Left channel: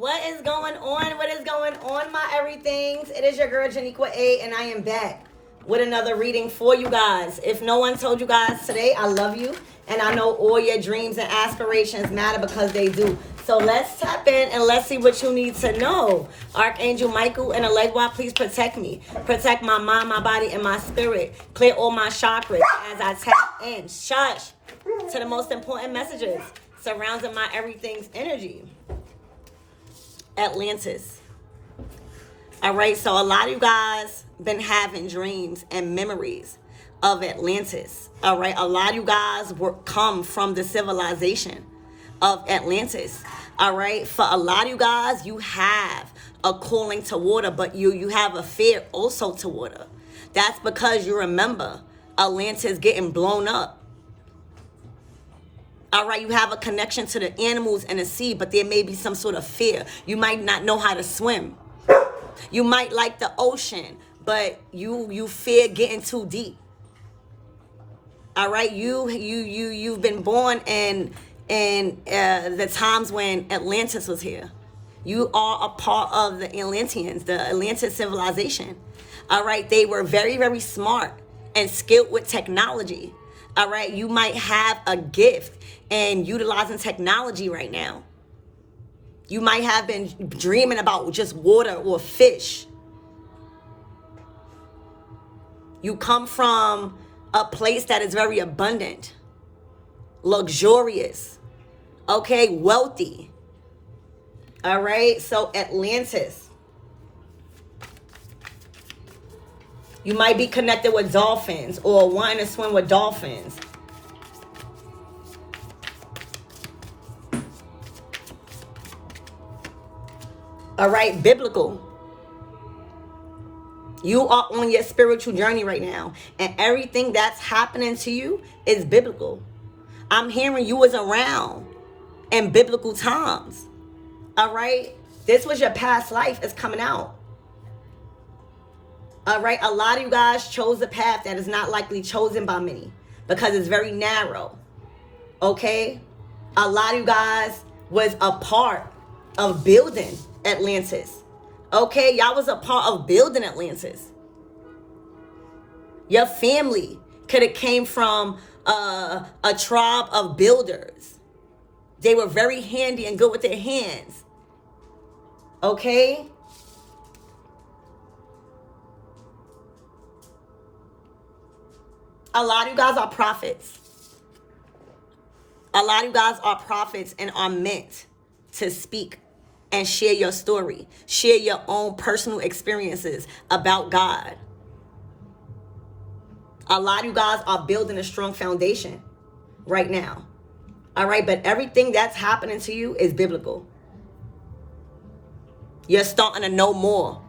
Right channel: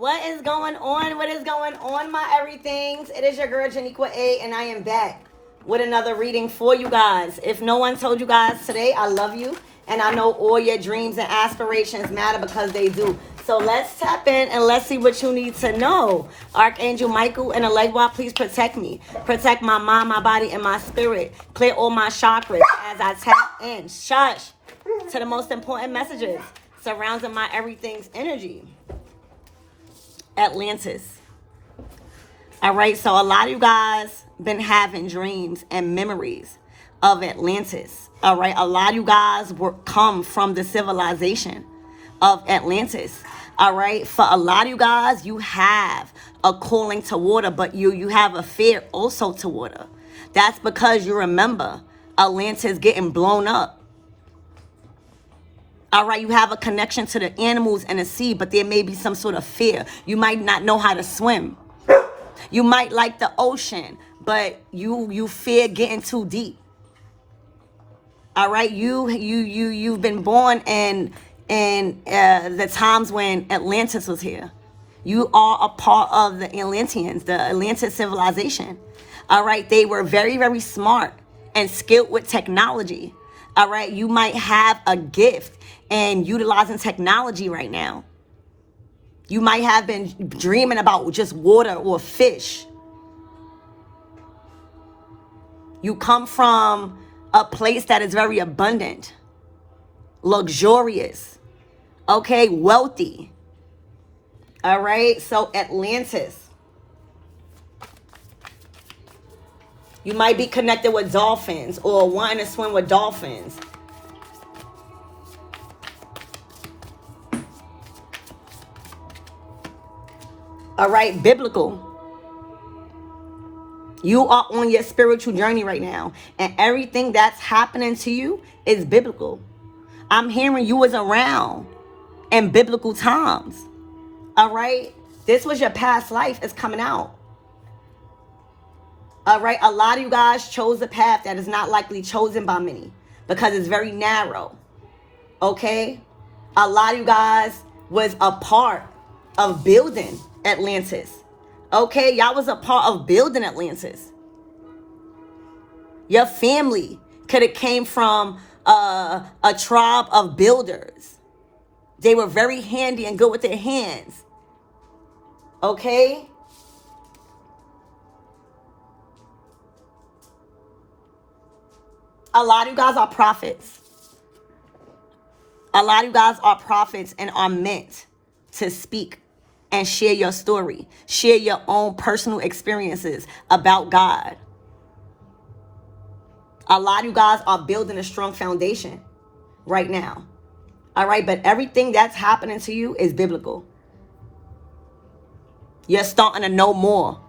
What is going on? What is going on, my everythings? It is your girl, Janiqua A, and I am back with another reading for you guys. If no one told you guys today, I love you, and I know all your dreams and aspirations matter because they do. So let's tap in and let's see what you need to know. Archangel Michael and Allegra, please protect me. Protect my mind, my body, and my spirit. Clear all my chakras as I tap in. Shush to the most important messages surrounding my everything's energy. Atlantis. All right, so a lot of you guys been having dreams and memories of Atlantis. All right, a lot of you guys come from the civilization of Atlantis. All right, for a lot of you guys, you have a calling to water, but you have a fear also to water. That's because you remember Atlantis getting blown up. All right, you have a connection to the animals and the sea, but there may be some sort of fear. You might not know how to swim. You might like the ocean, but you fear getting too deep. All right, you've been born in the times when Atlantis was here. You are a part of the Atlanteans, the Atlantis civilization. All right, they were very, very smart and skilled with technology. All right, you might have a gift in utilizing technology right now. You might have been dreaming about just water or fish. You come from a place that is very abundant, luxurious, okay, wealthy. All right, so Atlantis. You might be connected with dolphins or wanting to swim with dolphins. All right, biblical. You are on your spiritual journey right now, and everything that's happening to you is biblical. I'm hearing you was around in biblical times. All right, this was your past life. It's coming out. All right, a lot of you guys chose a path that is not likely chosen by many because it's very narrow. Okay, a lot of you guys was a part of building Atlantis. Okay, y'all was a part of building Atlantis. Your family could have came from a tribe of builders. They were very handy and good with their hands. Okay? A lot of you guys are prophets. A lot of you guys are prophets and are meant to speak and share your story. Share your own personal experiences about God. A lot of you guys are building a strong foundation right now. All right, but everything that's happening to you is biblical. You're starting to know more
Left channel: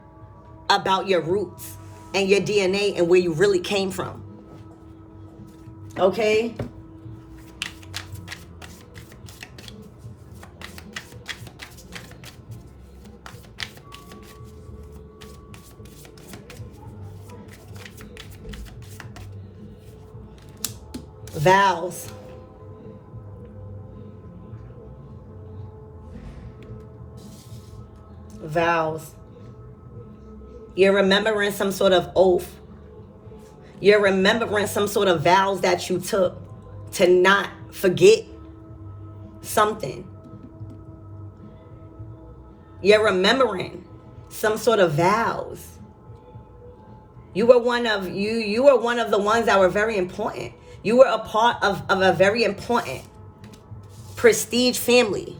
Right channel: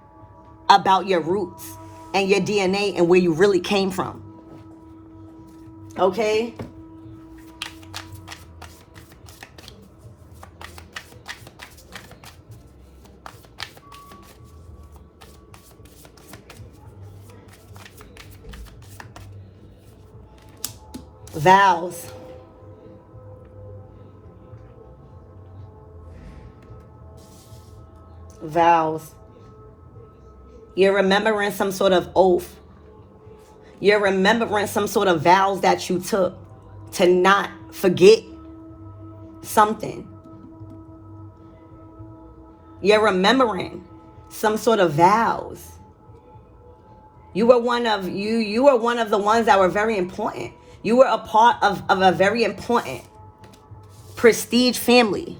about your roots and your DNA and where you really came from. Okay? Vows. Vows. You're remembering some sort of oath. You're remembering some sort of vows that you took to not forget something. You're remembering some sort of vows. You were one of the ones that were very important. You were a part of a very important prestige family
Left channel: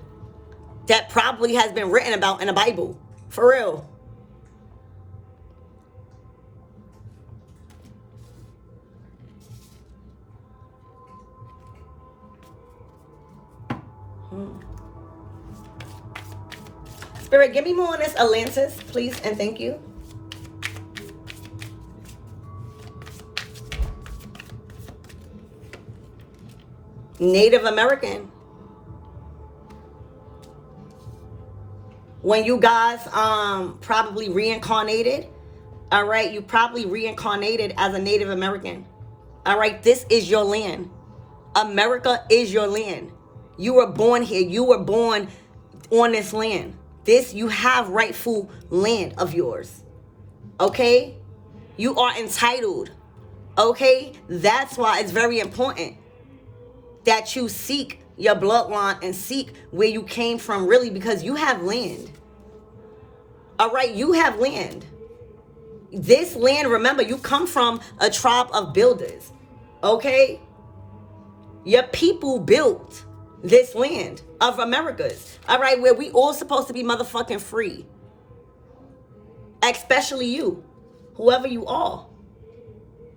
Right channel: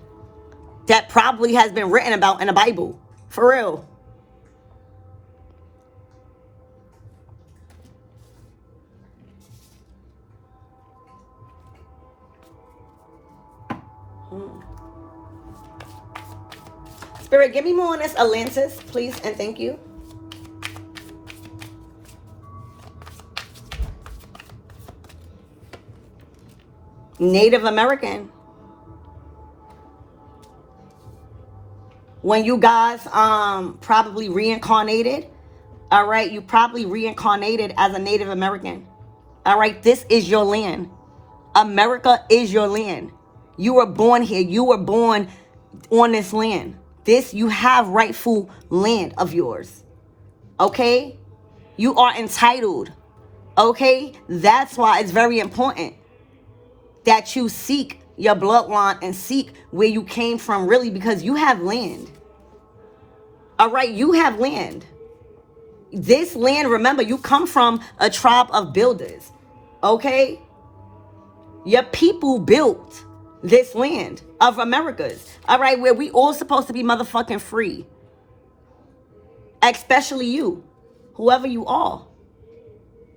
that probably has been written about in the Bible. For real. Spirit, give me more on this Atlantis, please, and thank you. Native American. When you guys probably reincarnated, all right, you probably reincarnated as a Native American. All right, this is your land. America is your land. You were born here. You were born on this land. This, you have rightful land of yours. Okay? You are entitled. Okay? That's why it's very important that you seek your bloodline and seek where you came from, really, because you have land. All right? You have land. This land, remember, you come from a tribe of builders. Okay? Your people built this land of Americas. All right? Where we all supposed to be motherfucking free. Especially you. Whoever you are.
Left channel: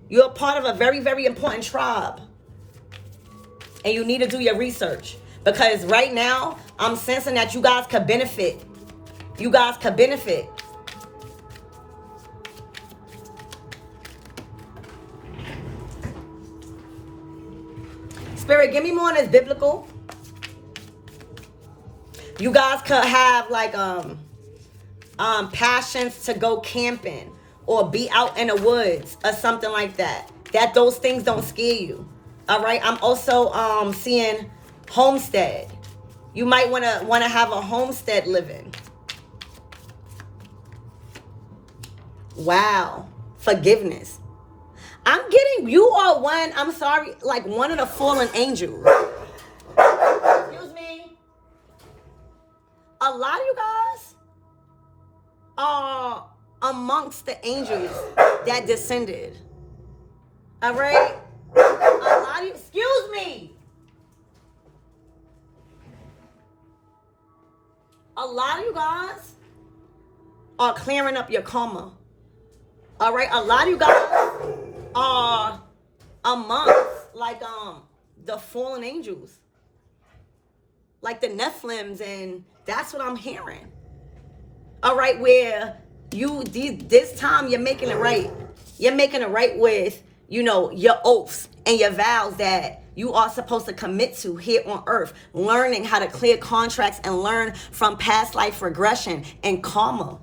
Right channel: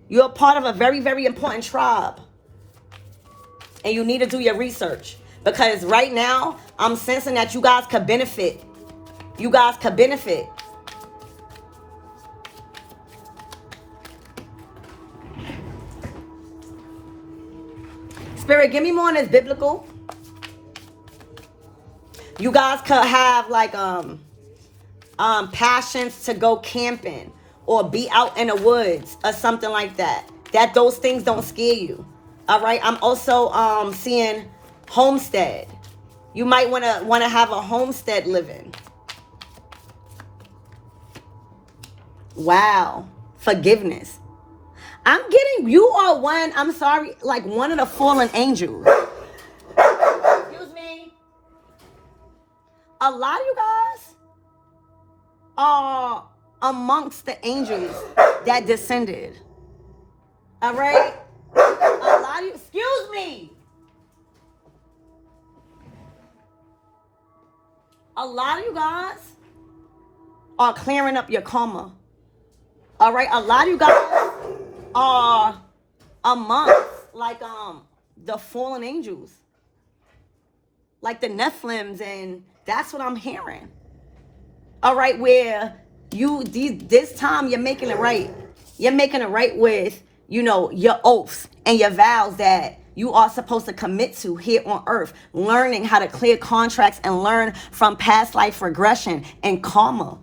You're a part of a very, very important tribe. And you need to do your research. Because right now, I'm sensing that you guys could benefit. You guys could benefit. Spirit, give me more on this biblical. You guys could have like passions to go camping or be out in the woods or something like that. That those things don't scare you. All right. I'm also seeing homestead. You might want to have a homestead living. Wow. Forgiveness. I'm getting, you are one, I'm sorry, like one of the fallen angels. Excuse me. A lot of you guys are amongst the angels that descended. All right? A lot of you, excuse me. A lot of you guys are clearing up your karma. All right? A lot of you guys are amongst like the fallen angels, like the Nephilims, and that's what I'm hearing. All right, where this time you're making it right. You're making it right with, you know, your oaths and your vows that you are supposed to commit to here on earth, learning how to clear contracts and learn from past life regression and karma.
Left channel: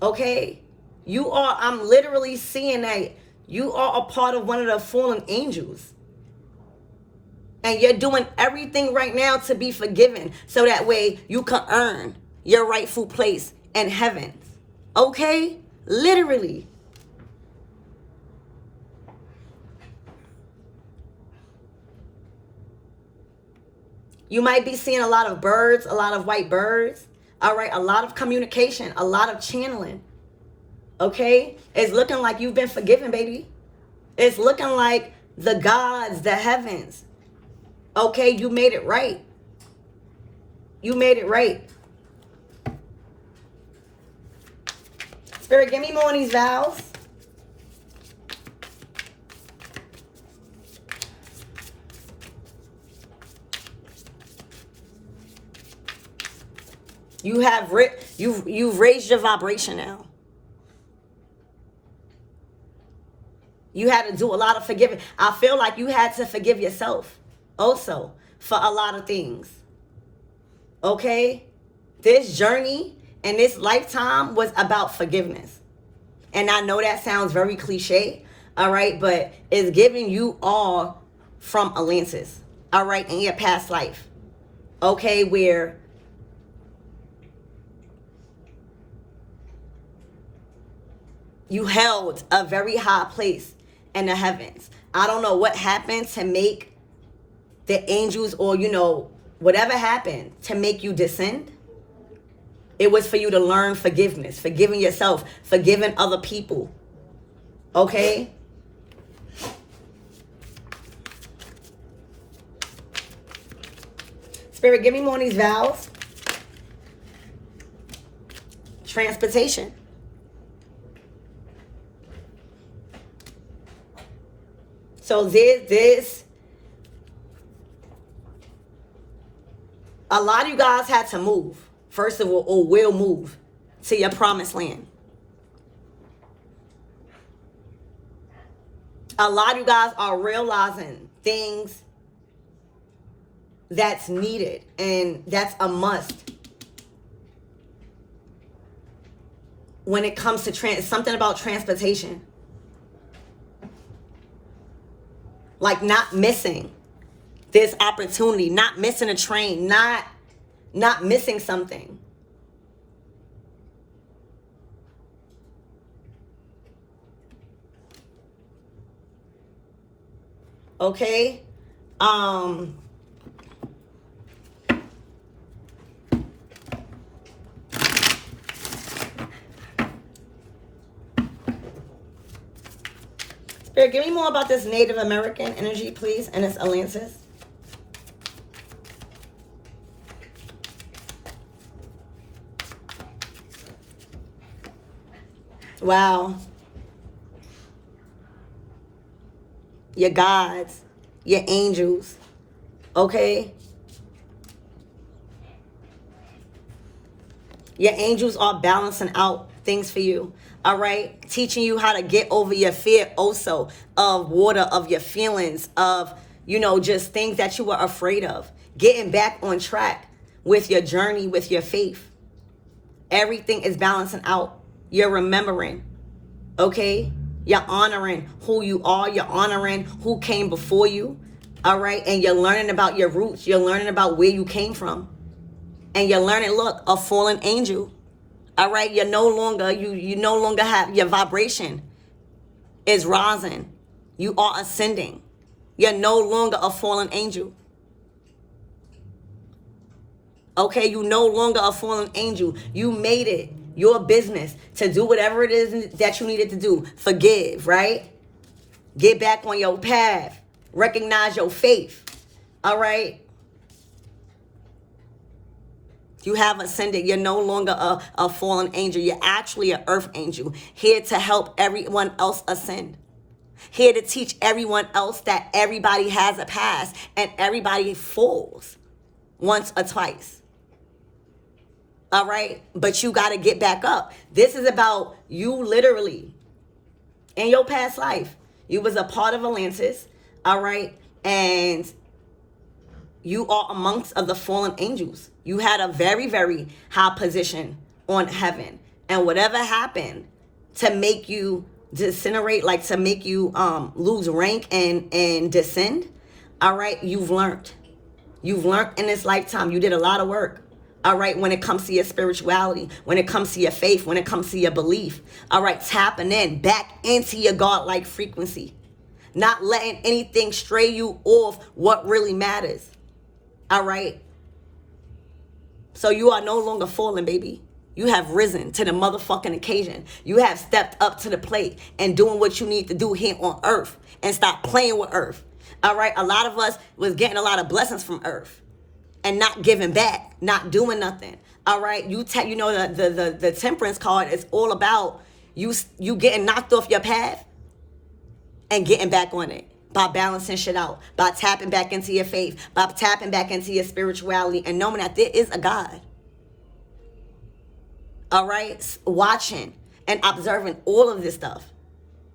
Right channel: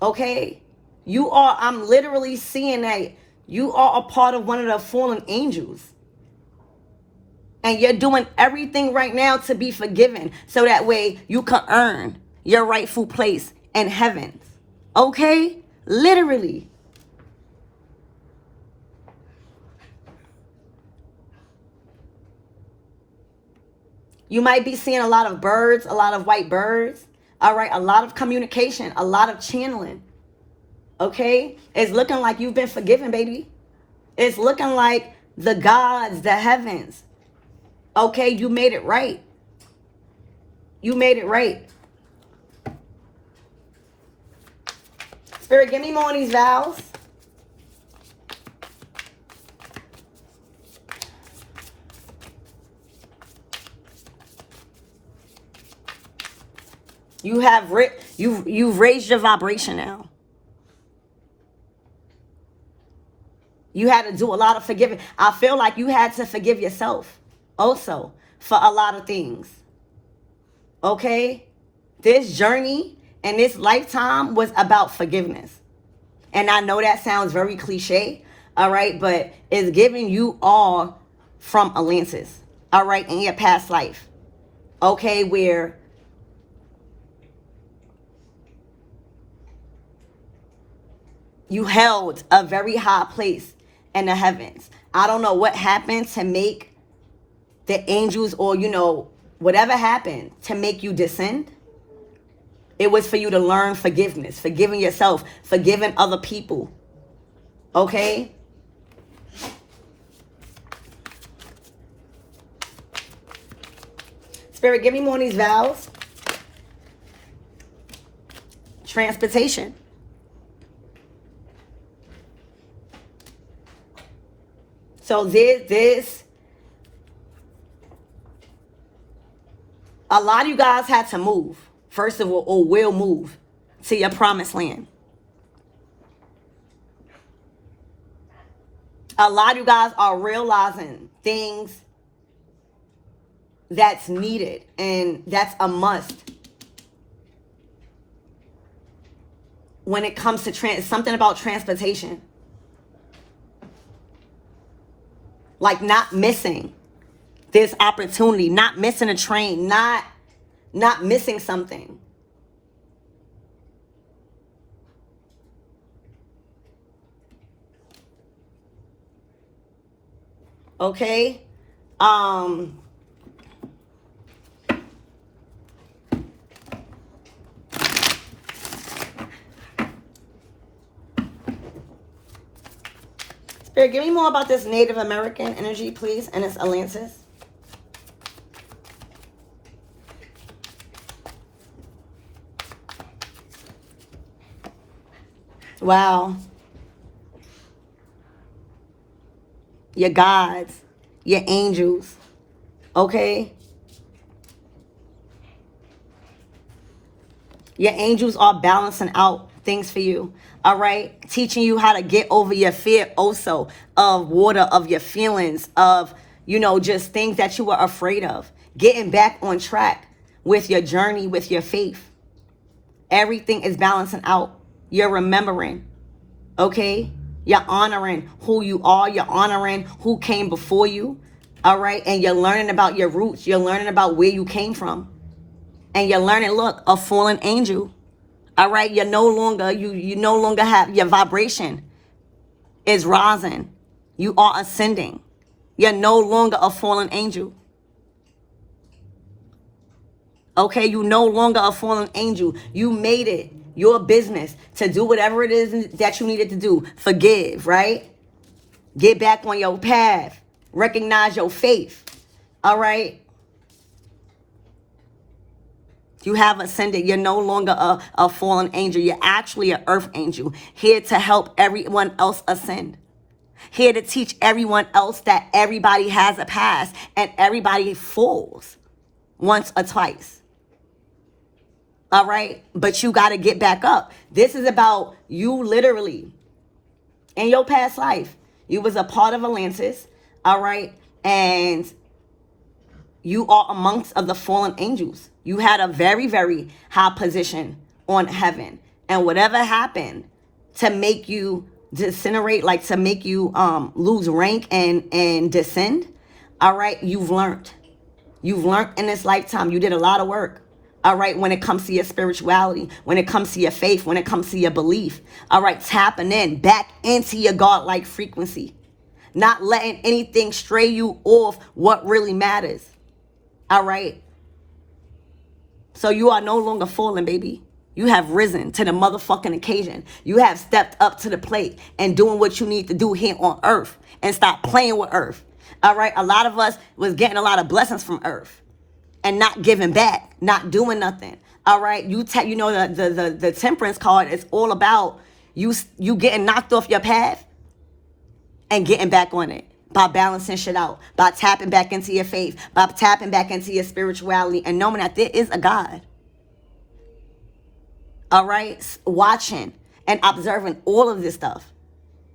Okay? I'm literally seeing that you are a part of one of the fallen angels. And you're doing everything right now to be forgiven. So that way you can earn your rightful place in heaven. Okay? Literally. You might be seeing a lot of birds, a lot of white birds. All right? A lot of communication, a lot of channeling. Okay? It's looking like you've been forgiven, baby. It's looking like the gods, the heavens. Okay, you made it right. You made it right. Spirit, give me more of these vows. You've raised your vibration now. You had to do a lot of forgiving. I feel like you had to forgive yourself also for a lot of things. Okay? This journey and this lifetime was about forgiveness. And I know that sounds very cliche, all right? But it's giving you all from Atlantis, all right, in your past life. Okay, where you held a very high place in the heavens. I don't know what happened to make the angels, or, you know, whatever happened to make you descend. It was for you to learn forgiveness, forgiving yourself, forgiving other people. Okay? Spirit, give me more of these vows. Transportation. So this, a lot of you guys had to move, first of all, or will move to your promised land. A lot of you guys are realizing things that's needed and that's a must when it comes to something about transportation. Like not missing this opportunity, not missing a train, not missing something. Okay? Spirit, give me more about this Native American energy, please, and it's Atlantis. Wow. Your gods, your angels, okay? Your angels are balancing out things for you, all right? Teaching you how to get over your fear also of water, of your feelings, of, you know, just things that you were afraid of. Getting back on track with your journey, with your faith. Everything is balancing out. You're remembering, okay? You're honoring who you are. You're honoring who came before you, all right? And you're learning about your roots. You're learning about where you came from. And you're learning, look, a fallen angel, all right? You're no longer, you no longer have, your vibration is rising. You are ascending. You're no longer a fallen angel. Okay, you no longer a fallen angel. You made it your business to do whatever it is that you needed to do. Forgive, right? Get back on your path. Recognize your faith. All right? You have ascended. You're no longer a fallen angel. You're actually an earth angel. Here to help everyone else ascend. Here to teach everyone else that everybody has a past and everybody falls once or twice. All right? But you got to get back up. This is about you literally. In your past life, you was a part of Atlantis. All right? And you are amongst of the fallen angels. You had a very, very high position on heaven. And whatever happened to make you disintegrate, like to make you lose rank and descend, all right, you've learned. You've learned in this lifetime. You did a lot of work. All right, when it comes to your spirituality, when it comes to your faith, when it comes to your belief. All right, tapping in back into your God-like frequency. Not letting anything stray you off what really matters. All right. So you are no longer falling, baby. You have risen to the motherfucking occasion. You have stepped up to the plate and doing what you need to do here on earth and stop playing with earth. All right. A lot of us was getting a lot of blessings from earth and not giving back, not doing nothing. All right. You know, the temperance card is all about you getting knocked off your path and getting back on it. By balancing shit out, by tapping back into your faith, by tapping back into your spirituality and knowing that there is a God. All right? Watching and observing all of this stuff.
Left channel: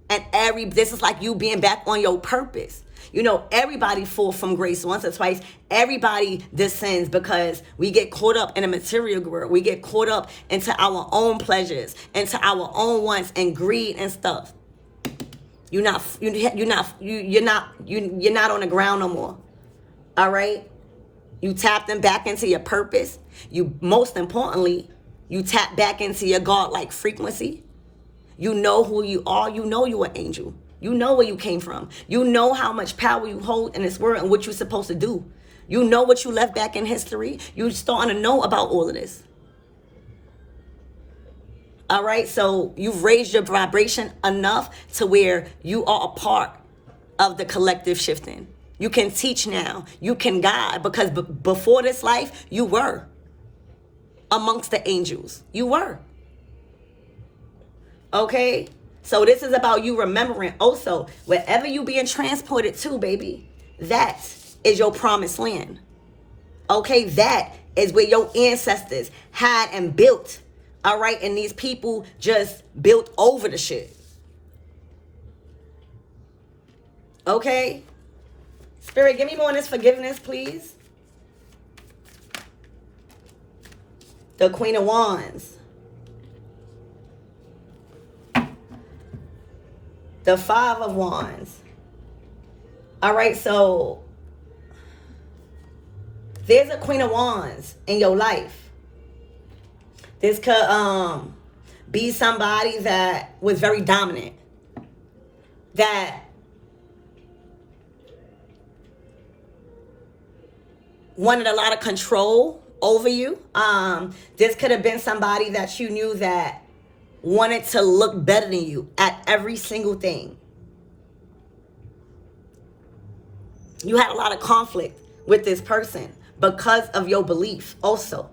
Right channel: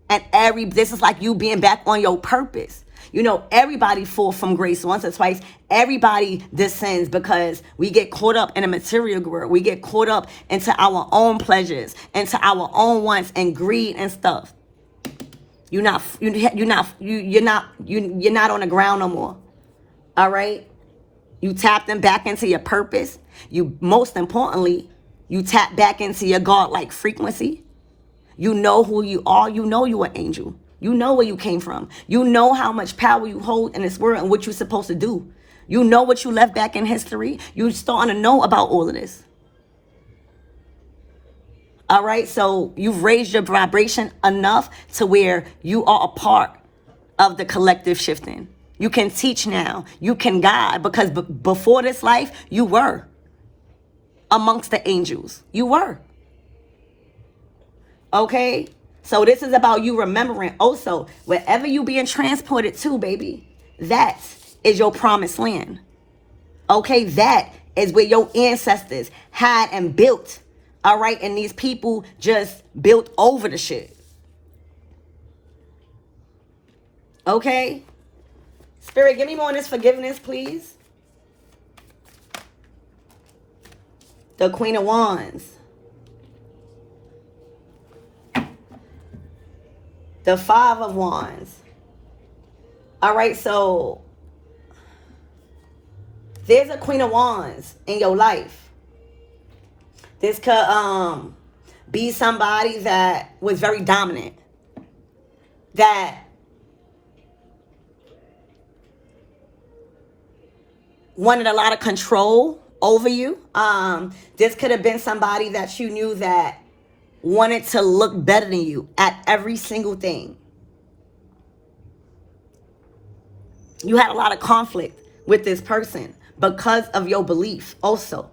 And this is like you being back on your purpose. You know, everybody falls from grace once or twice. Everybody descends because we get caught up in a material world. We get caught up into our own pleasures, into our own wants and greed and stuff. You're not on the ground no more. All right? You tap them back into your purpose. You, most importantly, you tap back into your God-like frequency. You know who you are. You know you're an angel. You know where you came from. You know how much power you hold in this world and what you're supposed to do. You know what you left back in history. You're starting to know about all of this. All right, so you've raised your vibration enough to where you are a part of the collective shifting. You can teach now. You can guide because before this life, you were amongst the angels. You were. Okay, so this is about you remembering also wherever you being transported to, baby, that is your promised land. Okay, that is where your ancestors had and built. All right, and these people just built over the shit. Okay? Spirit, give me more on this forgiveness, please. The Queen of Wands. The Five of Wands. All right, so there's a Queen of Wands in your life. This could be somebody that was very dominant, that wanted a lot of control over you. This could have been somebody that you knew that wanted to look better than you at every single thing. You had a lot of conflict with this person because of your belief also.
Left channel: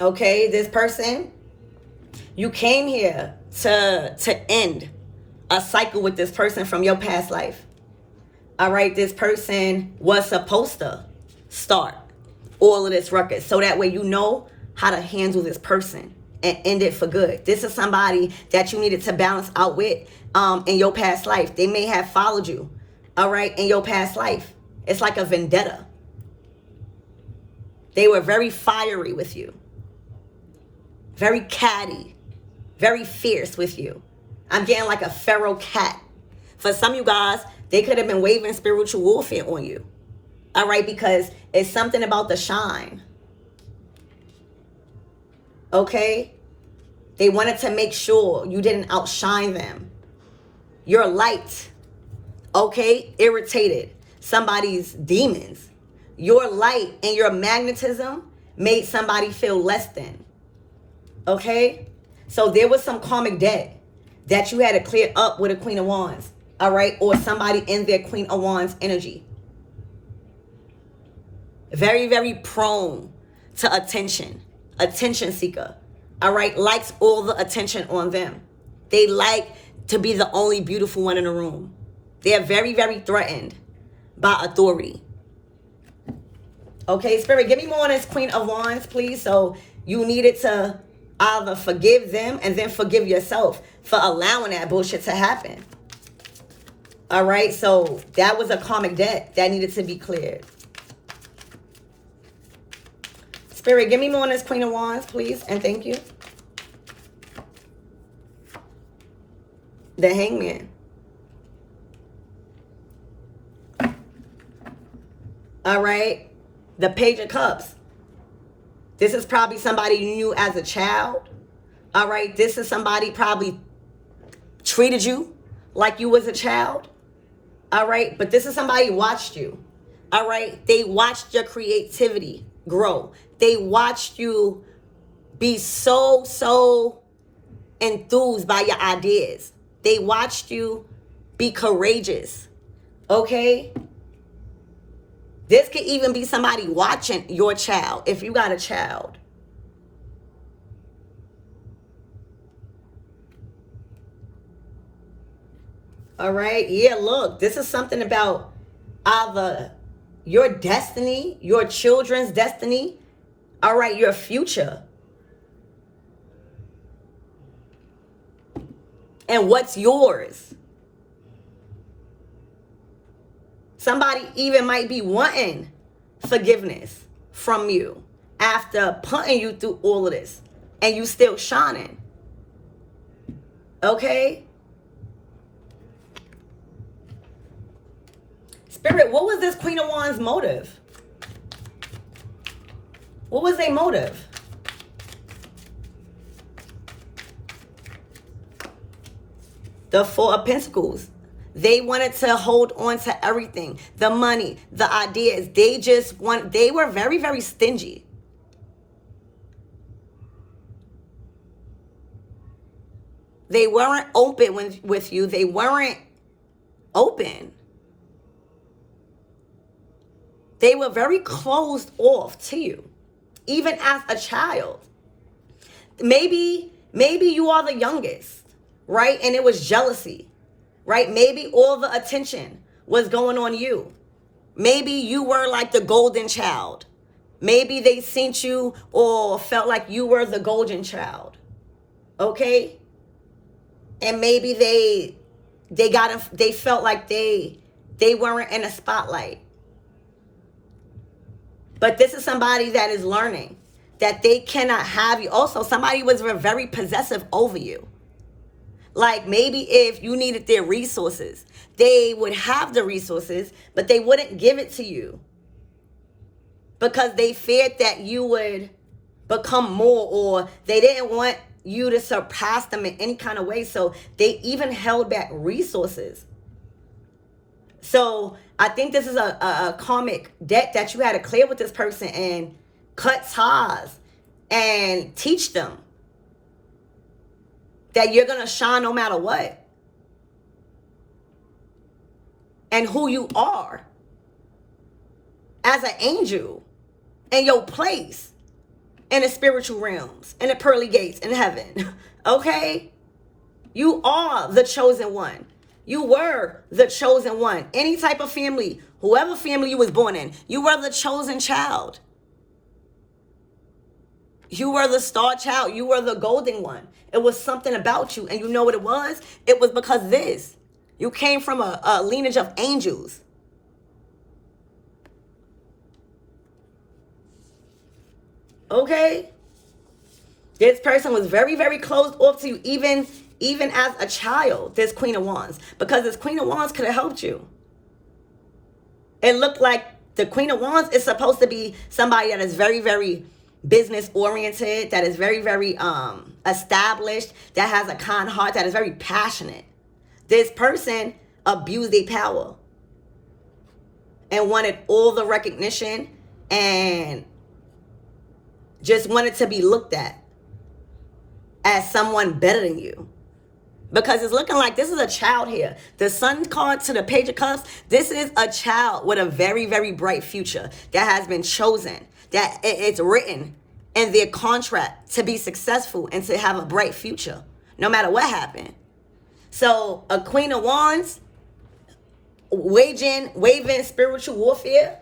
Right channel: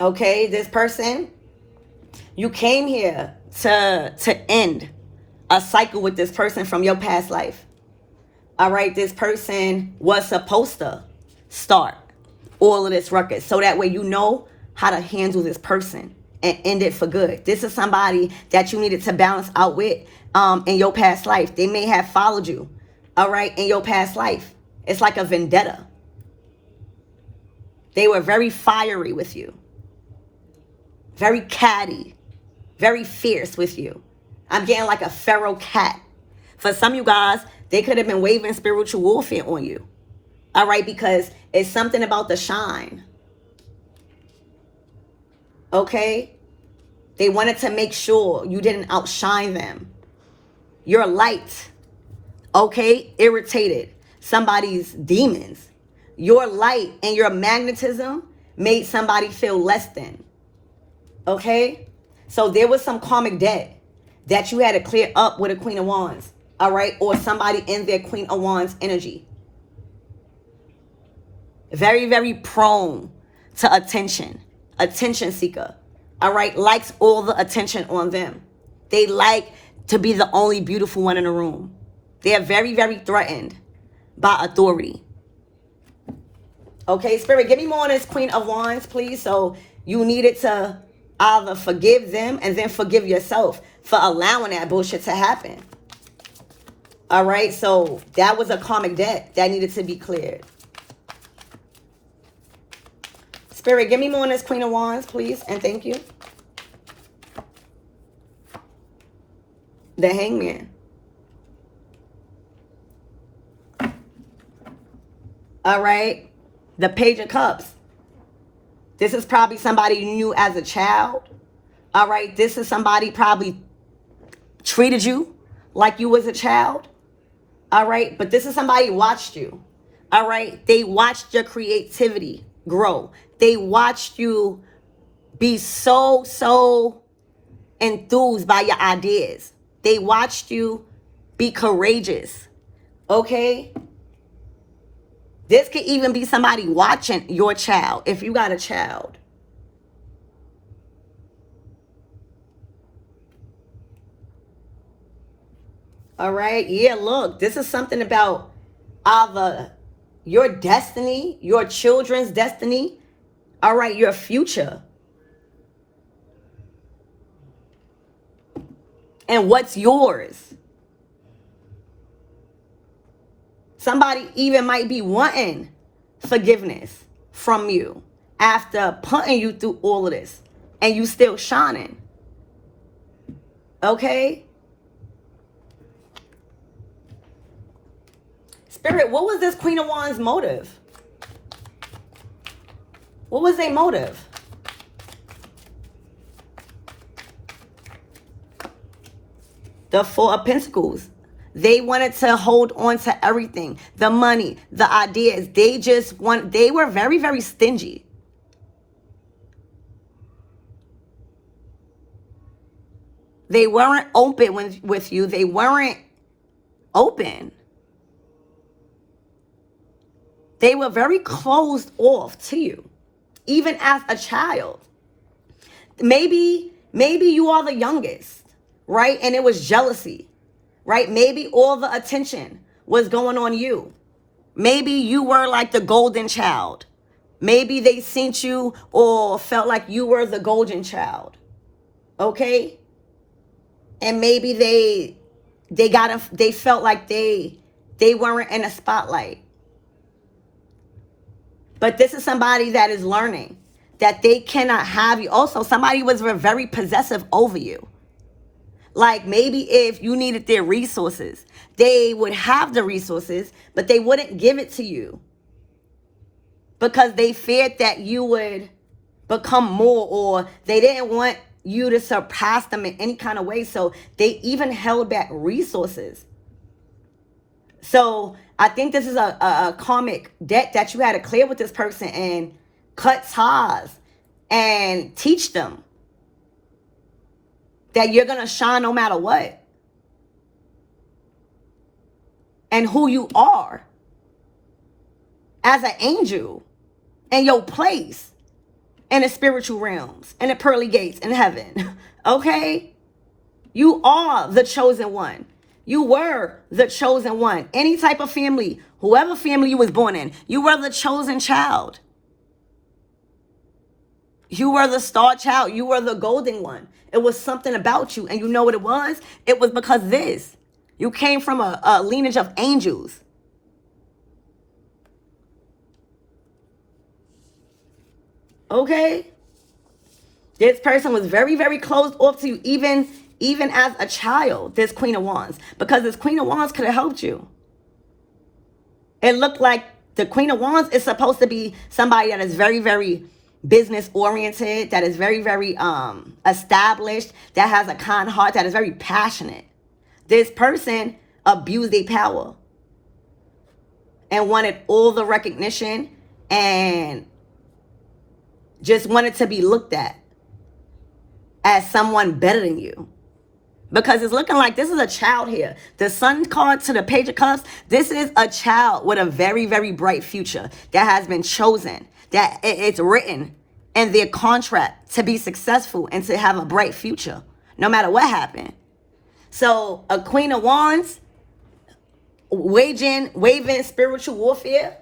Okay, this person, you came here to end a cycle with this person from your past life. All right, this person was supposed to start all of this ruckus so that way you know how to handle this person and end it for good. This is somebody that you needed to balance out with in your past life. They may have followed you, all right, in your past life. It's like a vendetta. They were very fiery with you, very catty, very fierce with you. I'm getting like a feral cat. For some of you guys, they could have been waging spiritual warfare on you. All right, because it's something about the shine. Okay? They wanted to make sure you didn't outshine them. Your light, okay, irritated somebody's demons. Your light and your magnetism made somebody feel less than. Okay? So there was some karmic debt that you had to clear up with a Queen of Wands. All right? Or somebody in their Queen of Wands energy. Very, very prone to attention. Attention seeker. All right? Likes all the attention on them. They like to be the only beautiful one in the room. They are very, very threatened by authority. Okay, Spirit, give me more on this Queen of Wands, please. So you needed to either forgive them and then forgive yourself for allowing that bullshit to happen. All right, so that was a karmic debt that needed to be cleared. Spirit, give me more on this Queen of Wands, please, and thank you. The Hangman. All right, the Page of Cups. This is probably somebody you knew as a child. All right, this is somebody probably treated you like you was a child. All right, but this is somebody who watched you. All right, they watched your creativity grow. They watched you be so enthused by your ideas. They watched you be courageous. Okay? This could even be somebody watching your child, if you got a child. All right, yeah, look, this is something about either your destiny, your children's destiny, all right, your future. And what's yours. Somebody even might be wanting forgiveness from you after putting you through all of this and you still shining. Okay? Spirit, what was this Queen of Wands motive? What was their motive? The Four of Pentacles. They wanted to hold on to everything. The money, the ideas. They were very, very stingy. They weren't open with you. They weren't open. They were very closed off to you, even as a child. Maybe you are the youngest, right? And it was jealousy, right? Maybe all the attention was going on you. Maybe you were like the golden child. Maybe they seen you or felt like you were the golden child, okay? And maybe they felt like they weren't in a spotlight. But this is somebody that is learning that they cannot have you. Also, somebody was very possessive over you. Like maybe if you needed their resources, they would have the resources, but they wouldn't give it to you because they feared that you would become more, or they didn't want you to surpass them in any kind of way. So they even held back resources. So I think this is a karmic debt that you had to clear with this person and cut ties and teach them that you're going to shine no matter what. And who you are as an angel and your place in the spiritual realms and the pearly gates in heaven. Okay? You are the chosen one. You were the chosen one. Any type of family, whoever family you was born in, you were the chosen child. You were the star child. You were the golden one. It was something about you. And you know what it was? It was because this. You came from a lineage of angels. Okay? This person was very, very closed off to you, even as a child, this Queen of Wands. Because this Queen of Wands could have helped you. It looked like the Queen of Wands is supposed to be somebody that is very, very business oriented, that is very, very established, that has a kind heart, that is very passionate. This person abused their power and wanted all the recognition and just wanted to be looked at as someone better than you. Because it's looking like this is a child here. The Sun card to the Page of Cups, this is a child with a very, very bright future that has been chosen, that it's written in their contract to be successful and to have a bright future, no matter what happened. So a Queen of Wands, waging spiritual warfare,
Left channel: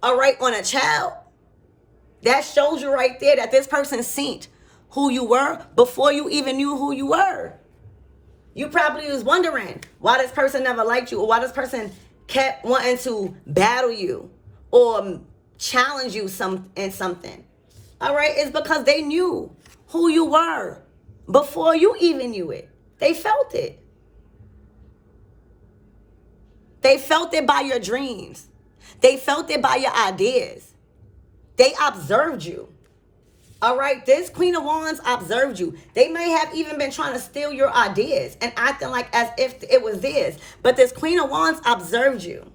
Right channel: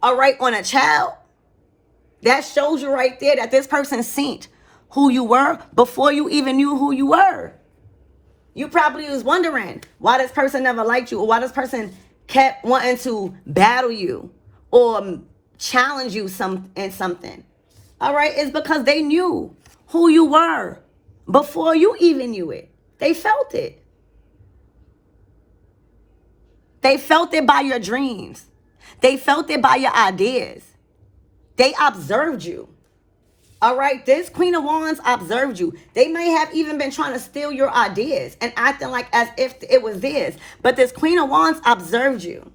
all right, on a child, that shows you right there that this person seen who you were before you even knew who you were. You probably was wondering why this person never liked you, or why this person kept wanting to battle you or challenge you in something. All right, it's because they knew who you were before you even knew it. They felt it. They felt it by your dreams. They felt it by your ideas. They observed you. All right, this Queen of Wands observed you. They may have even been trying to steal your ideas and acting like as if it was theirs. But this Queen of Wands observed you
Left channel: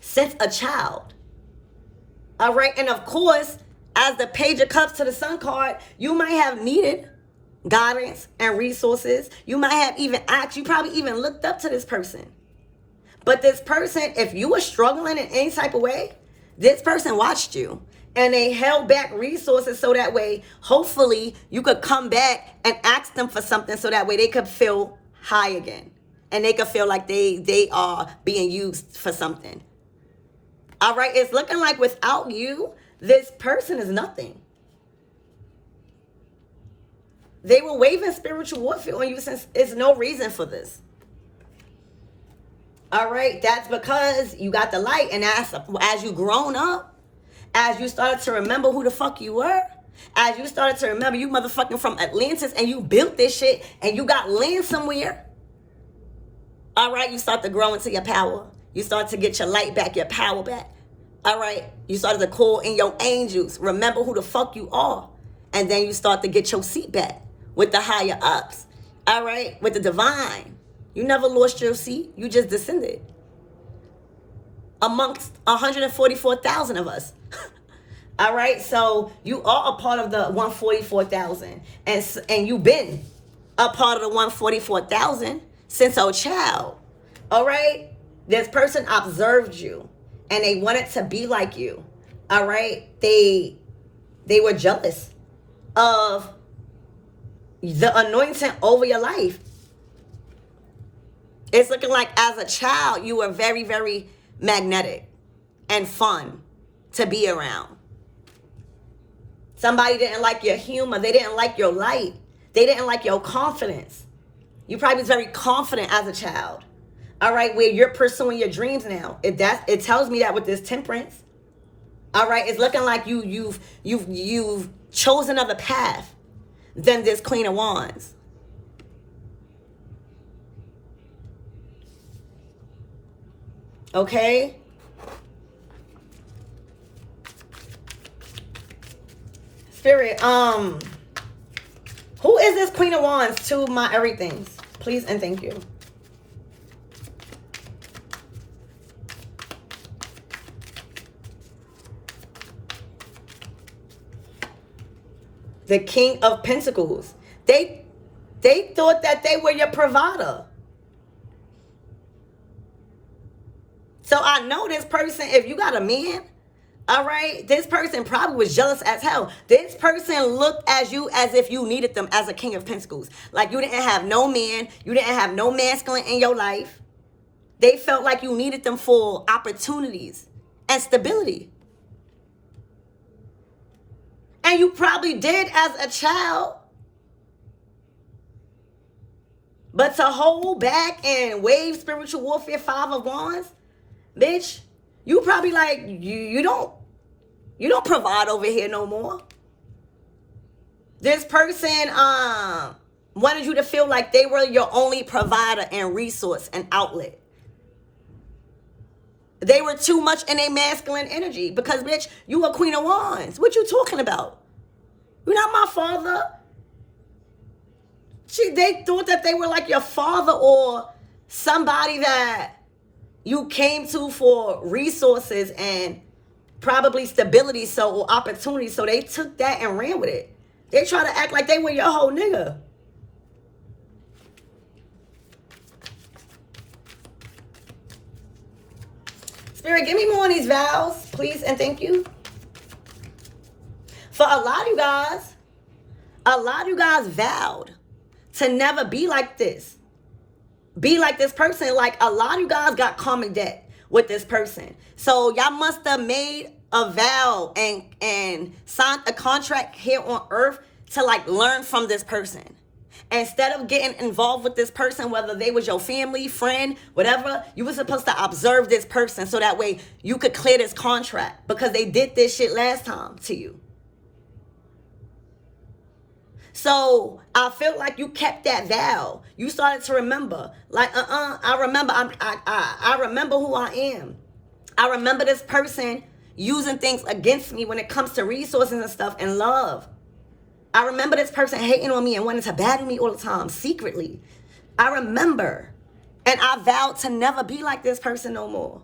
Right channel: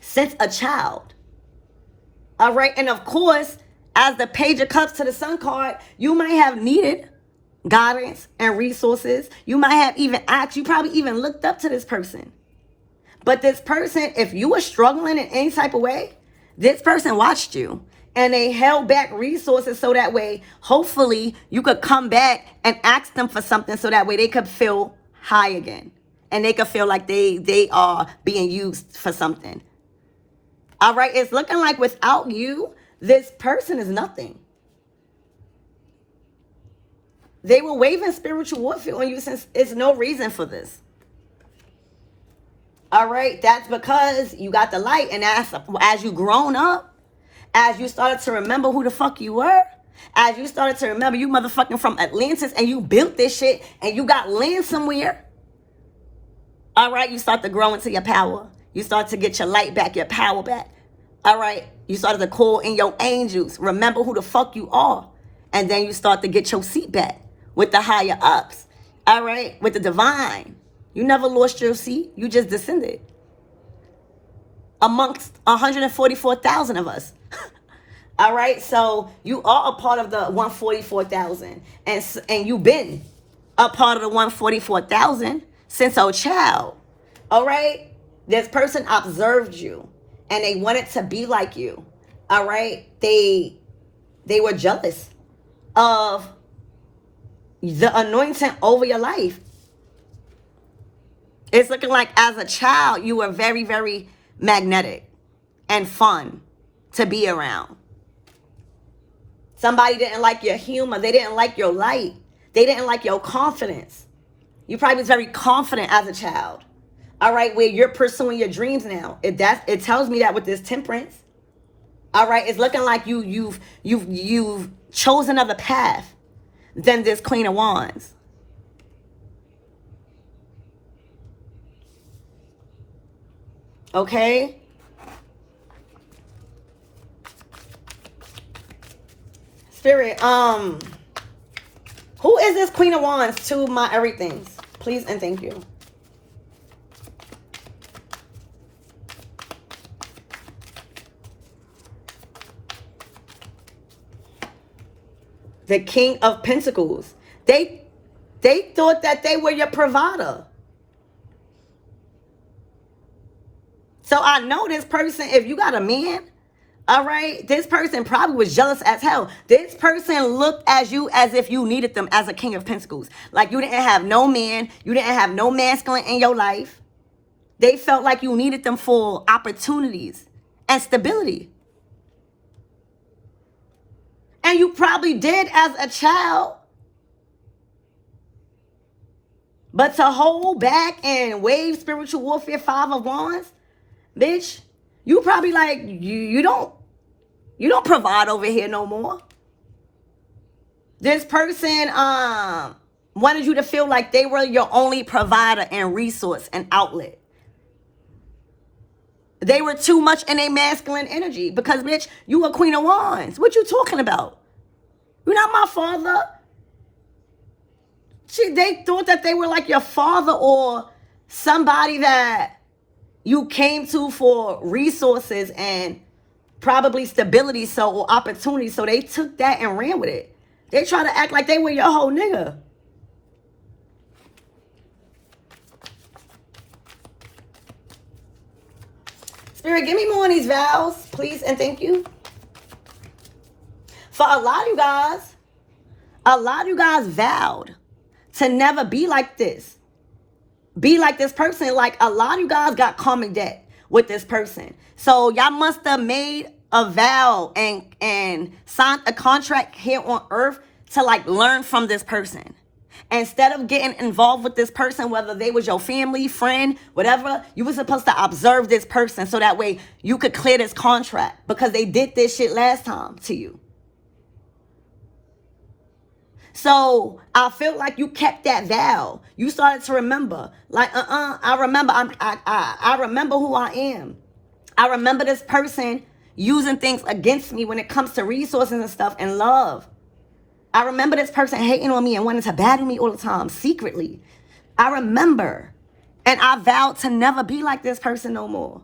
since a child. All right, and of course, as the Page of Cups to the Sun card, you might have needed guidance and resources. You might have even asked, you probably even looked up to this person. But this person, if you were struggling in any type of way, this person watched you. And they held back resources so that way, hopefully, you could come back and ask them for something so that way they could feel high again. And they could feel like they are being used for something. All right, it's looking like without you, this person is nothing. They were waging spiritual warfare on you since there's no reason for this. All right, that's because you got the light. And as you grown up, as you started to remember who the fuck you were, as you started to remember you motherfucking from Atlantis and you built this shit and you got land somewhere, all right, you start to grow into your power. You start to get your light back, your power back. All right, you started to call in your angels. Remember who the fuck you are. And then you start to get your seat back with the higher ups. All right, with the divine. You never lost your seat. You just descended amongst 144,000 of us. All right, so you are a part of the 144,000, and you've been a part of the 144,000 since a child. All right, this person observed you, and they wanted to be like you. All right, they were jealous of the anointing over your life. It's looking like as a child, you were very, very magnetic and fun to be around. Somebody didn't like your humor. They didn't like your light. They didn't like your confidence. You probably was very confident as a child. All right, where you're pursuing your dreams now. It tells me that with this Temperance. All right, it's looking like you've chosen another path than this Queen of Wands. Okay? Spirit, Who is this Queen of Wands to my everythings? Please and thank you. The King of Pentacles. They thought that they were your provider. So I know this person, if you got a man, all right, this person probably was jealous as hell. This person looked at you as if you needed them as a King of Pentacles. Like you didn't have no man. You didn't have no masculine in your life. They felt like you needed them for opportunities and stability. And you probably did as a child. But to hold back and wave spiritual warfare 5 of Wands, bitch, you probably like, you don't provide over here no more. This person wanted you to feel like they were your only provider and resource and outlet. They were too much in a masculine energy because, bitch, you a Queen of Wands. What you talking about? You're not my father. They thought that they were like your father or somebody that you came to for resources and probably stability, or opportunity. So they took that and ran with it. They try to act like they were your whole nigga. Spirit, give me more on these vows, please and thank you. For a lot of you guys vowed to never be like this. Be like this person. Like a lot of you guys got karmic debt with this person. So y'all must have made a vow and signed a contract here on earth to like learn from this person. Instead of getting involved with this person, whether they was your family, friend, whatever, you were supposed to observe this person so that way you could clear this contract because they did this shit last time to you. So I feel like you kept that vow. You started to remember, like, I remember. I remember who I am. I remember this person using things against me when it comes to resources and stuff and love. I remember this person hating on me and wanting to battle me all the time secretly. I remember, and I vowed to never be like this person no more.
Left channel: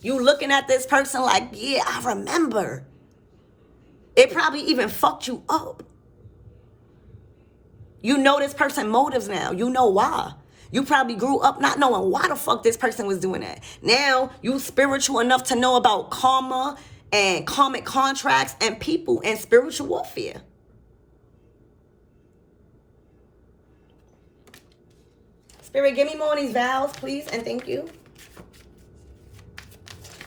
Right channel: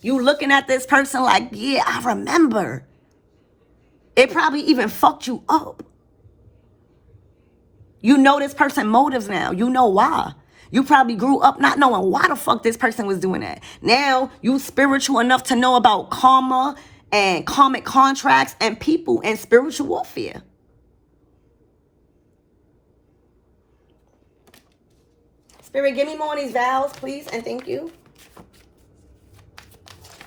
You looking at this person like, yeah, I remember. It probably even fucked you up. You know this person's motives now. You know why. You probably grew up not knowing why the fuck this person was doing that. Now you spiritual enough to know about karma and karmic contracts and people and spiritual warfare. Spirit, give me more of these vows, please, and thank you.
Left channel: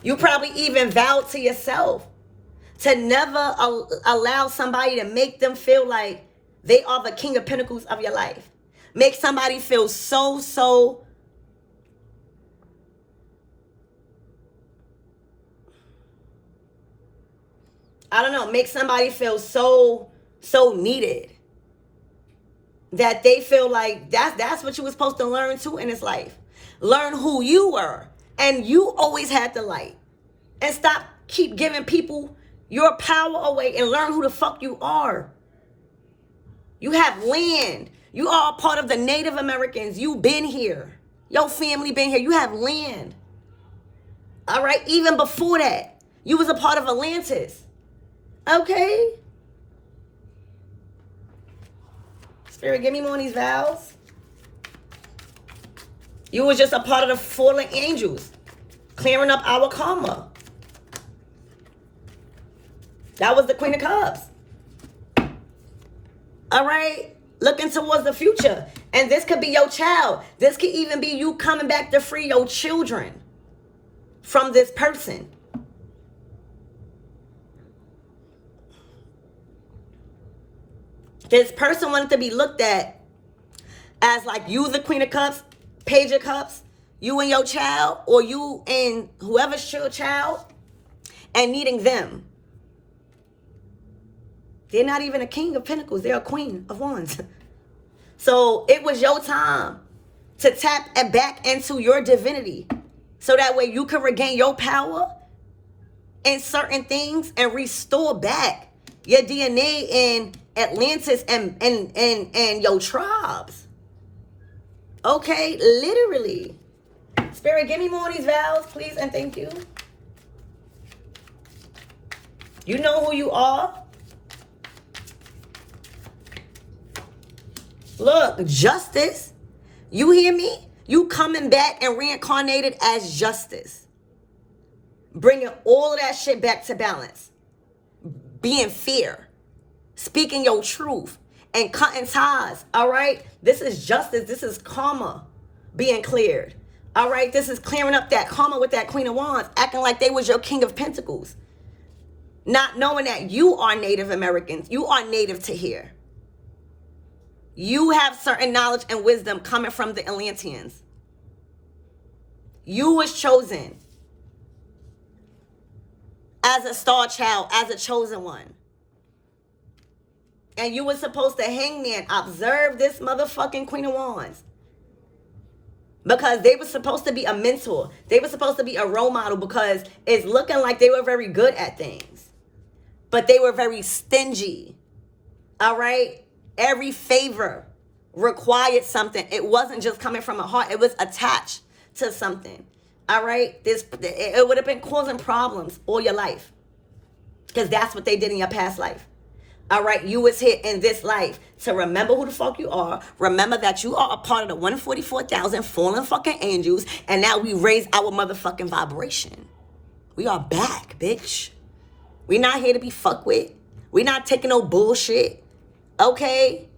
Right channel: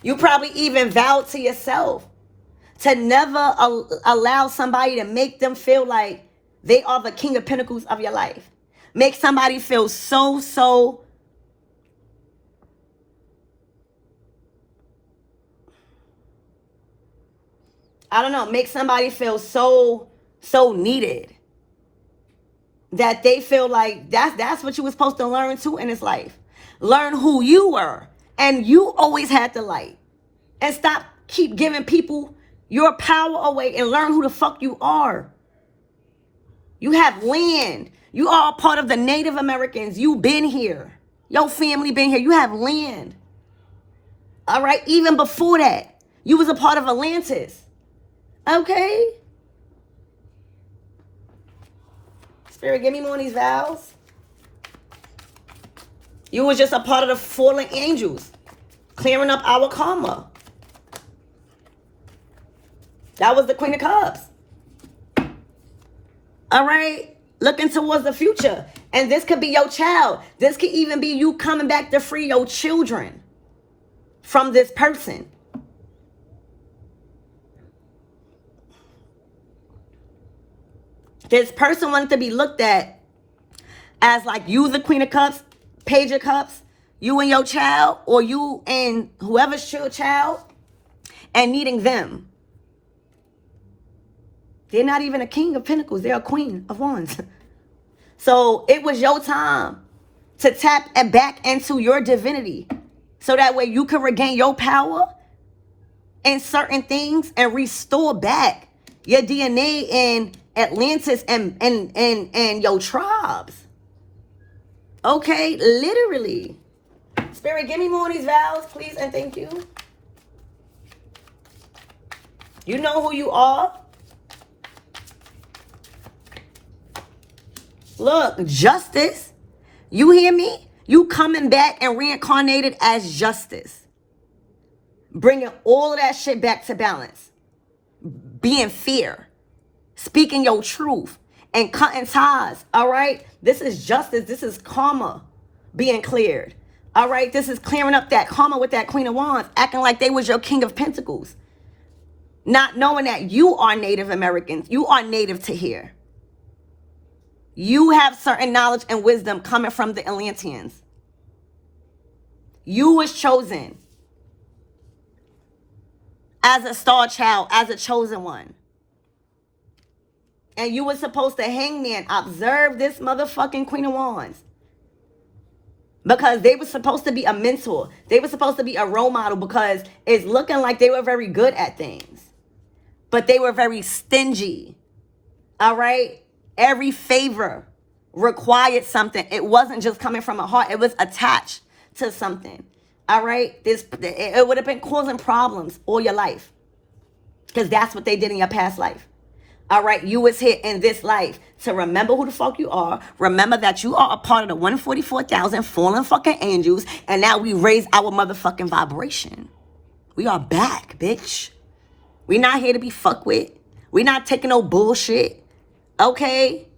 You probably even vowed to yourself to never allow somebody to make them feel like they are the King of Pentacles of your life. Make somebody feel so I don't know, make somebody feel so needed that they feel like that's what you were supposed to learn too in this life. Learn who you were, and you always had the light. And stop keep giving people your power away and learn who the fuck you are. You have land. You are a part of the Native Americans. You been here. Your family been here. You have land. All right? Even before that, you was a part of Atlantis. Okay? Spirit, give me more of these vows. You was just a part of the fallen angels, clearing up our karma. That was the Queen of Cups. All right? Looking towards the future. And this could be your child. This could even be you coming back to free your children from this person. This person wanted to be looked at as like you the Queen of Cups, Page of Cups, you and your child, or you and whoever's your child, and needing them. They're not even a King of Pentacles. They're a Queen of Wands. So it was your time to tap and back into your divinity. So that way you can regain your power in certain things and restore back Your DNA in Atlantis and your tribes. Okay, literally. Spirit, give me more of these vows, please, and thank you. You know who you are. Look, justice. You hear me? You coming back and reincarnated as justice. Bringing all of that shit back to balance. Being fair. Speaking your truth. And cutting ties. All right? This is justice. This is karma being cleared. All right? This is clearing up that karma with that Queen of Wands. Acting like they was your King of Pentacles. Not knowing that you are Native Americans. You are native to here. You have certain knowledge and wisdom coming from the Atlanteans. You was chosen as a star child, as a chosen one. And you were supposed to, hangman, observe this motherfucking Queen of Wands. Because they were supposed to be a mentor. They were supposed to be a role model because it's looking like they were very good at things. But they were very stingy. All right? Every favor required something. It wasn't just coming from a heart. It was attached to something. All right? It would have been causing problems all your life. Because that's what they did in your past life. All right? You was here in this life to remember who the fuck you are. Remember that you are a part of the 144,000 fallen fucking angels. And now we raise our motherfucking vibration. We are back, bitch. We not here to be fucked with. We not taking no bullshit. Okay?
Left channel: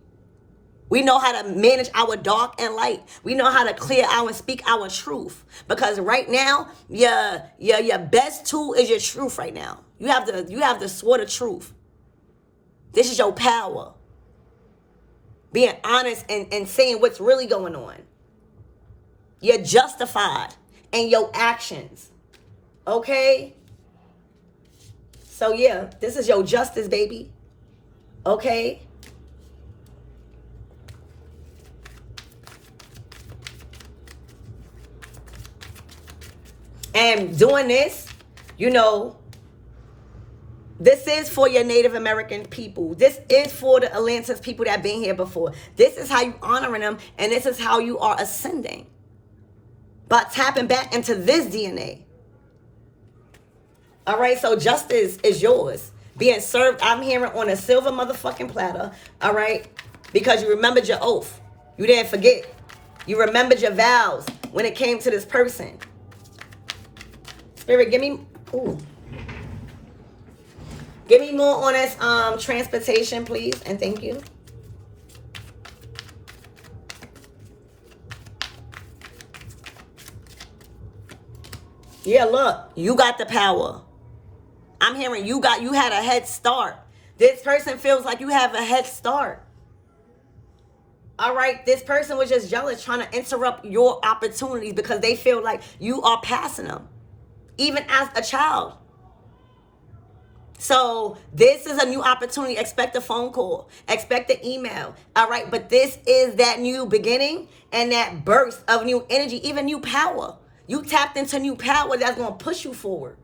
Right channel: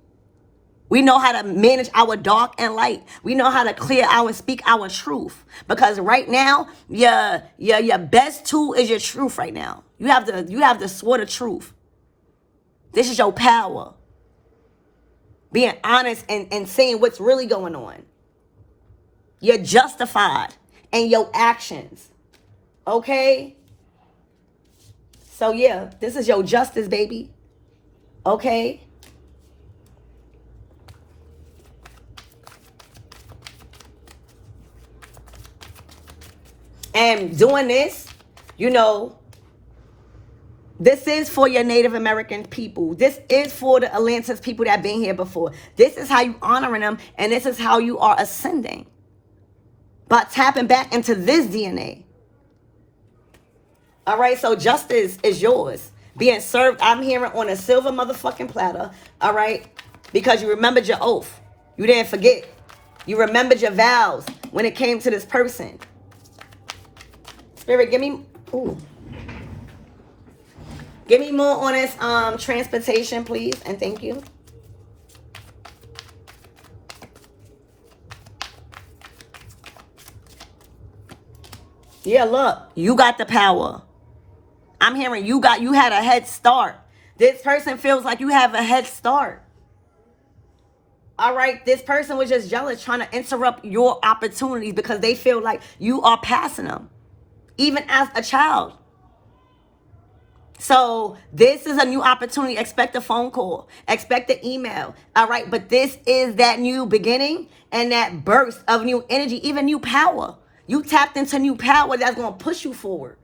We know how to manage our dark and light. We know how to clear our, speak our truth. Because right now, your best tool is your truth right now. You have the sword of truth. This is your power. Being honest and saying what's really going on. You're justified in your actions. Okay? So yeah, this is your justice, baby. Okay? And doing this, you know, this is for your Native American people. This is for the Atlantis people that have been here before. This is how you honoring them, and this is how you are ascending. But tapping back into this DNA. All right, so justice is yours. Being served, I'm hearing, on a silver motherfucking platter. All right, because you remembered your oath. You didn't forget. You remembered your vows when it came to this person. Spirit, give me, give me more on this transportation, please, and thank you. Yeah, look, you got the power. I'm hearing you had a head start. This person feels like you have a head start. All right, this person was just jealous, trying to interrupt your opportunities because they feel like you are passing them, even as a child. So this is a new opportunity. Expect a phone call. Expect an email. All right, but this is that new beginning and that burst of new energy, even new power. You tapped into new power that's going to push you forward.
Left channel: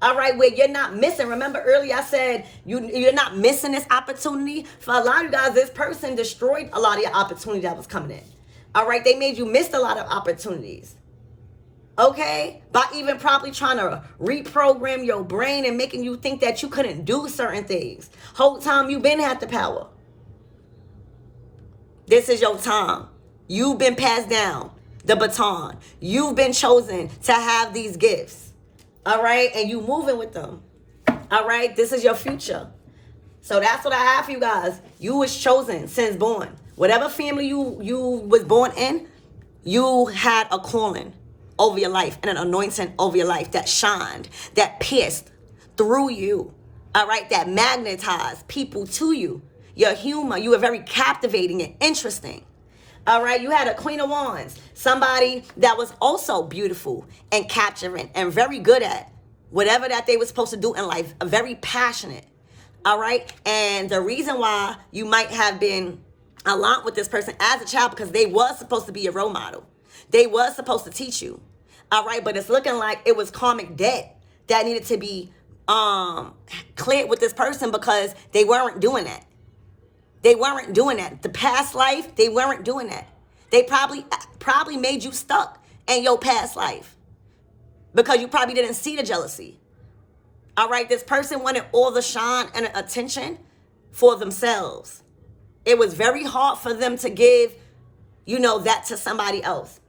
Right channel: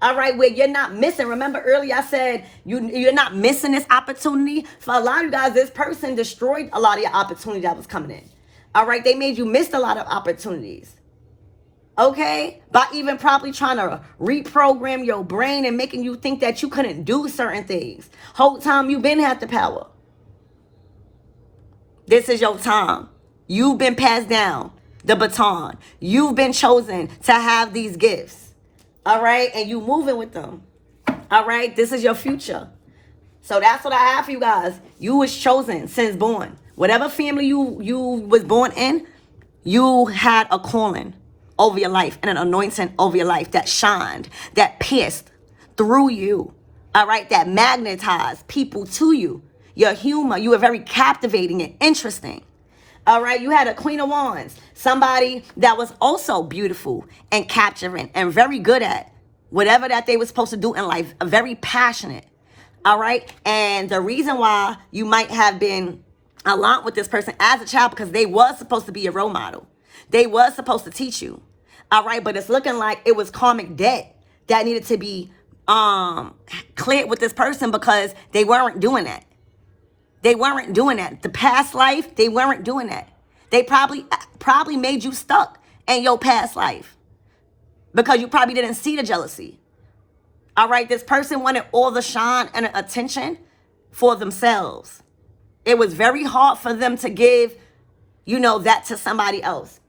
All right, where you're not missing. Remember earlier I said you're not missing this opportunity. For a lot of you guys, this person destroyed a lot of your opportunity that was coming in. All right, they made you miss a lot of opportunities. Okay? By even probably trying to reprogram your brain and making you think that you couldn't do certain things. Whole time you've been had the power. This is your time. You've been passed down the baton. You've been chosen to have these gifts. All right? And you moving with them. All right? This is your future. So that's what I have for you guys. You was chosen since born. Whatever family you was born in, you had a calling over your life and an anointing over your life that shined, that pierced through you. All right? That magnetized people to you. Your humor, you were very captivating and interesting. All right, you had a Queen of Wands, somebody that was also beautiful and capturing and very good at whatever that they were supposed to do in life, very passionate. All right, and the reason why you might have been aligned with this person as a child because they was supposed to be a role model. They was supposed to teach you. All right, but it's looking like it was karmic debt that needed to be cleared with this person because they weren't doing that. They weren't doing that. The past life, they weren't doing that. They probably made you stuck in your past life because you probably didn't see the jealousy. All right, this person wanted all the shine and attention for themselves. It was very hard for them to give, that to somebody else.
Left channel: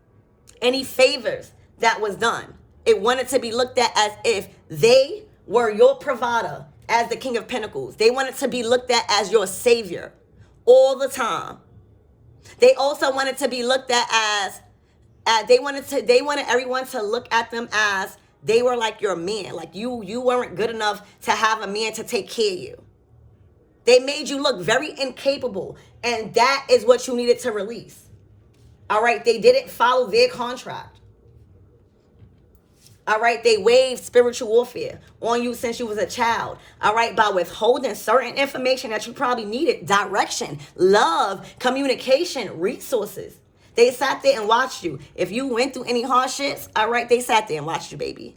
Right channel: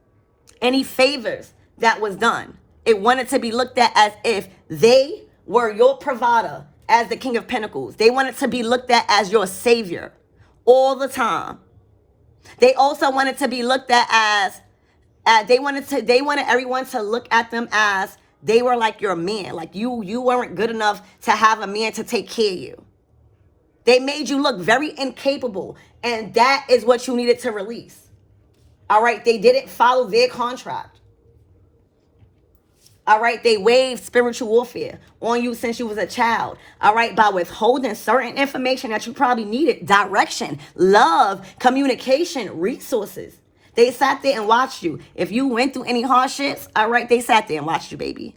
Any favors that was done, it wanted to be looked at as if they were your provider as the King of Pentacles. They wanted to be looked at as your savior all the time. They also wanted to be looked at as they wanted everyone to look at them as they were like your man. Like you weren't good enough to have a man to take care of you. They made you look very incapable, and that is what you needed to release. All right, they didn't follow their contract. All right, they waged spiritual warfare on you since you was a child. All right, by withholding certain information that you probably needed, direction, love, communication, resources. They sat there and watched you. If you went through any hardships, all right, they sat there and watched you, baby.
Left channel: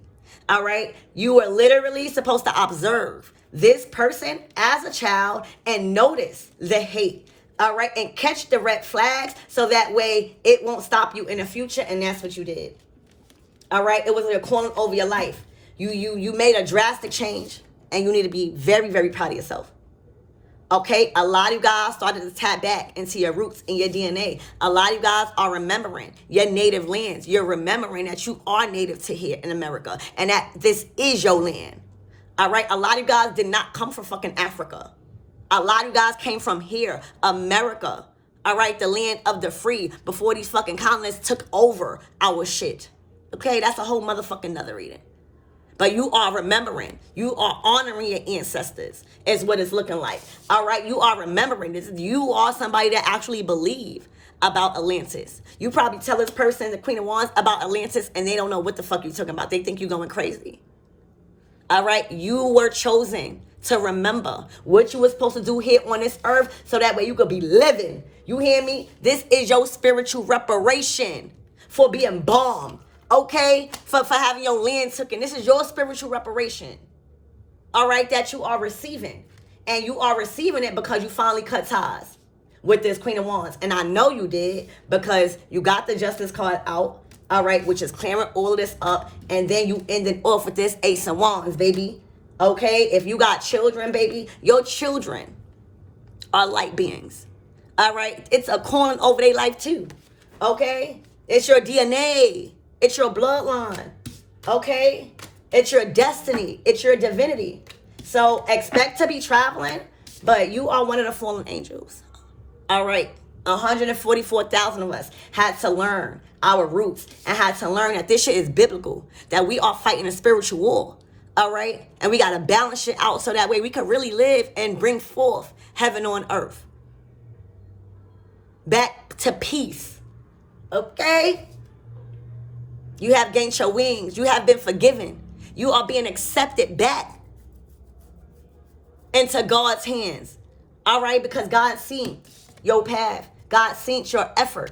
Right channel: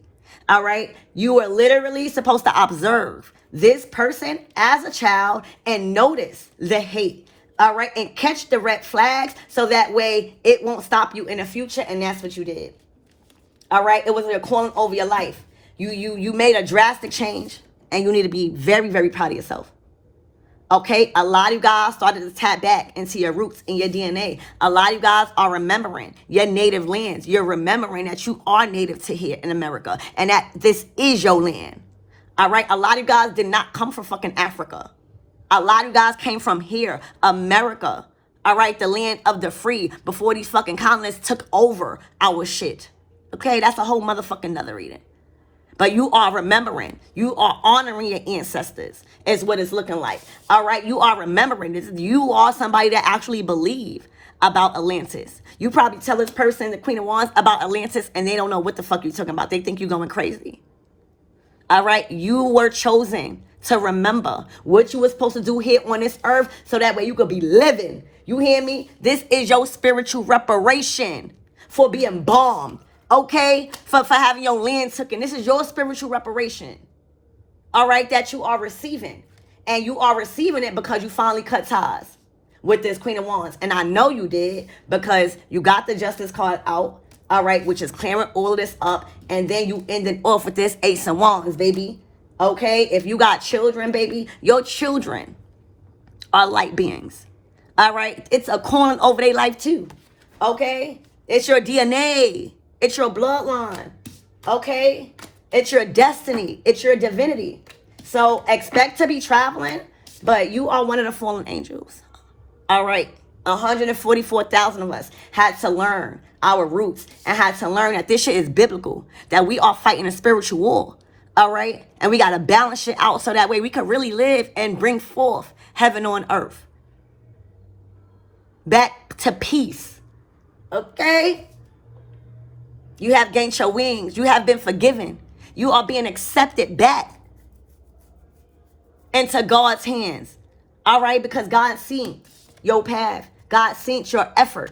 All right, you were literally supposed to observe this person as a child and notice the hate. All right, and catch the red flags so that way it won't stop you in the future, and that's what you did. All right, it was a calling over your life. You made a drastic change, and you need to be very, very proud of yourself. Okay, a lot of you guys started to tap back into your roots and your DNA. A lot of you guys are remembering your native lands. You're remembering that you are native to here in America, and that this is your land. All right, a lot of you guys did not come from fucking Africa. A lot of you guys came from here, America. All right, the land of the free, before these fucking colonists took over our shit. Okay, that's a whole motherfucking another reading. But you are remembering. You are honoring your ancestors is what it's looking like. All right, you are remembering this. You are somebody that actually believe about Atlantis. You probably tell this person, the Queen of Wands, about Atlantis, and they don't know what the fuck you're talking about. They think you're going crazy. All right, you were chosen to remember what you were supposed to do here on this earth so that way you could be living. You hear me? This is your spiritual reparation for being bombed. Okay, for having your land taken. This is your spiritual reparation. All right, that you are receiving. And you are receiving it because you finally cut ties with this Queen of Wands. And I know you did because you got the Justice card out. All right, which is clearing all of this up. And then you ended off with this Ace of Wands, baby. Okay, if you got children, baby, your children are light beings. All right, it's a calling over their life too. Okay, it's your DNA. It's your bloodline, okay? It's your destiny. It's your divinity. So expect to be traveling, but you are one of the fallen angels. All right, 144,000 of us had to learn our roots and had to learn that this shit is biblical, that we are fighting a spiritual war, all right? And we got to balance shit out so that way we can really live and bring forth heaven on earth. Back to peace, okay? You have gained your wings. You have been forgiven. You are being accepted back into God's hands. All right? Because God seen your path. God seen your effort.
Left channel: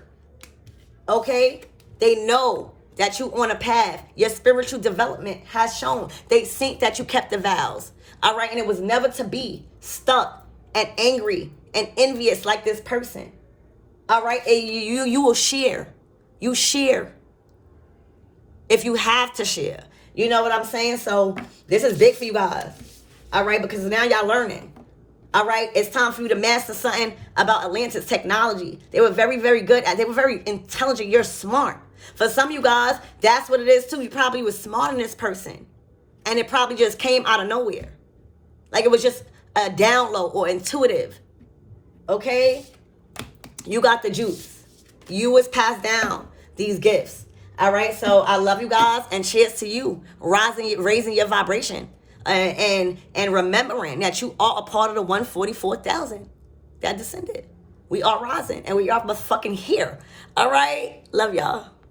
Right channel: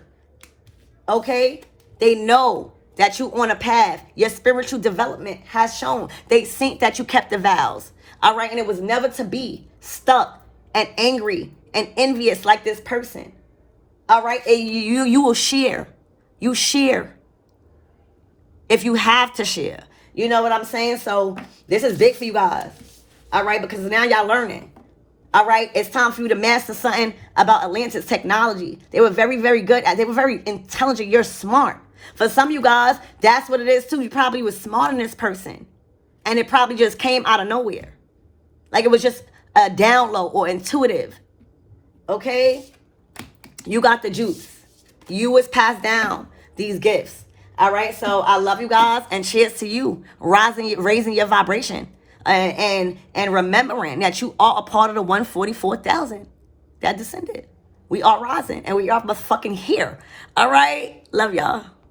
Okay? They know that you on a path. Your spiritual development has shown. They seen that you kept the vows. All right? And it was never to be stuck and angry and envious like this person. All right? And you will share. You share. If you have to share. You know what I'm saying? So this is big for you guys. All right? Because now y'all learning. All right? It's time for you to master something about Atlantis technology. They were very, very good. They were very intelligent. You're smart. For some of you guys, that's what it is too. You probably was smart in this person. And it probably just came out of nowhere. Like it was just a download or intuitive. Okay? You got the juice. You was passed down these gifts. All right, so I love you guys, and cheers to you, raising your vibration, and remembering that you are a part of the 144,000 that descended. We are rising, and we are fucking here. All right, love y'all.